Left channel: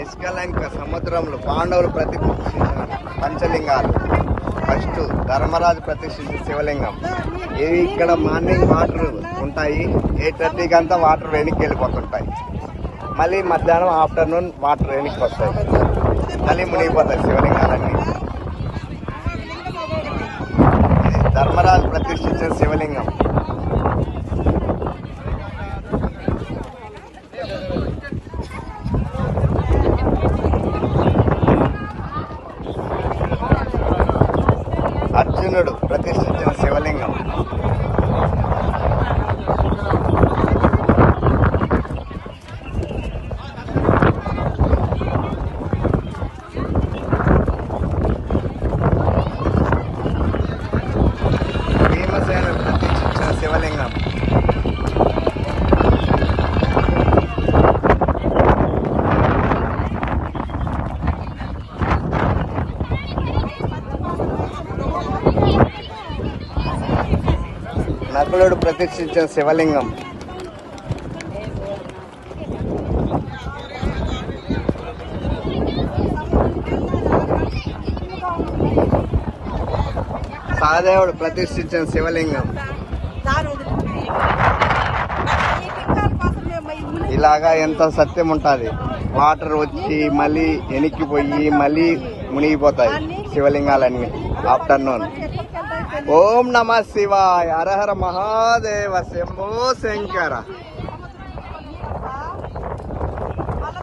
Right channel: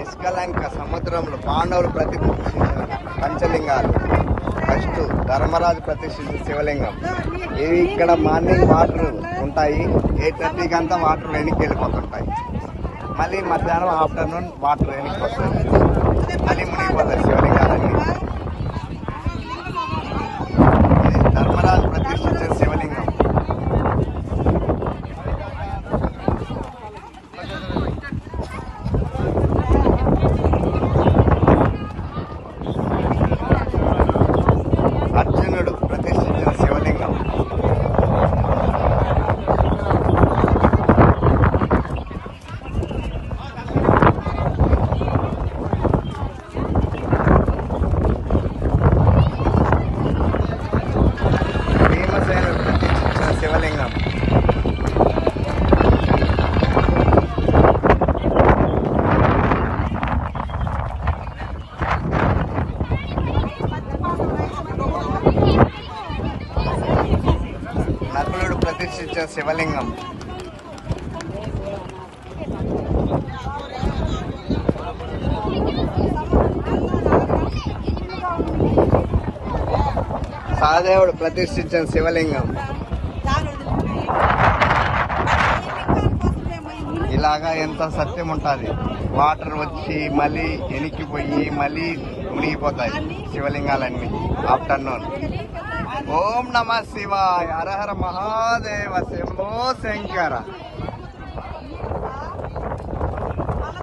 నిష్కలంక సముద్రంలో పాండవులు ప్రతిష్ఠించిన పంచలింగాలు. ఫస్ట్ ధర్మరాజు ప్రతిష్ఠించిన శివలింగం. ఇవి ఇక్కడ మార్నింగ్ వాటర్ ఉంటాయి, 8:30 అంతా వాటర్ వెనక్కి వెళ్ళిపోతుంటాయి. మళ్ళీ మధ్యాహ్నం ఆఫ్టర్నూన్ వాటర్ వెనక్కి వస్తాయి, మళ్ళీ మునిగిపోతాయి శివలింగాలన్నీ. ధర్మరాజు ప్రతిష్ఠించిన శివలింగం. అర్జునుడు ప్రతిష్ఠించిన శివలింగం. భీమసేనుడు ప్రతిష్ఠించిన శివలింగం. నకులుడు ప్రతిష్ఠించిన శివలింగం. సహదేవుడు ప్రతిష్ఠించిన శివలింగం. ఇలాగా ఎంతో సత్యం ఉంటుంది. వాటర్ వచ్చి మళ్ళీ వెనక్కిపోయి మళ్ళీ మునిగిపోతాయి శివలింగాలన్నీ ఆఫ్టర్నూన్. ఓం నమ శివాయ, హర హర మహాదేవ, శంభో శంకర.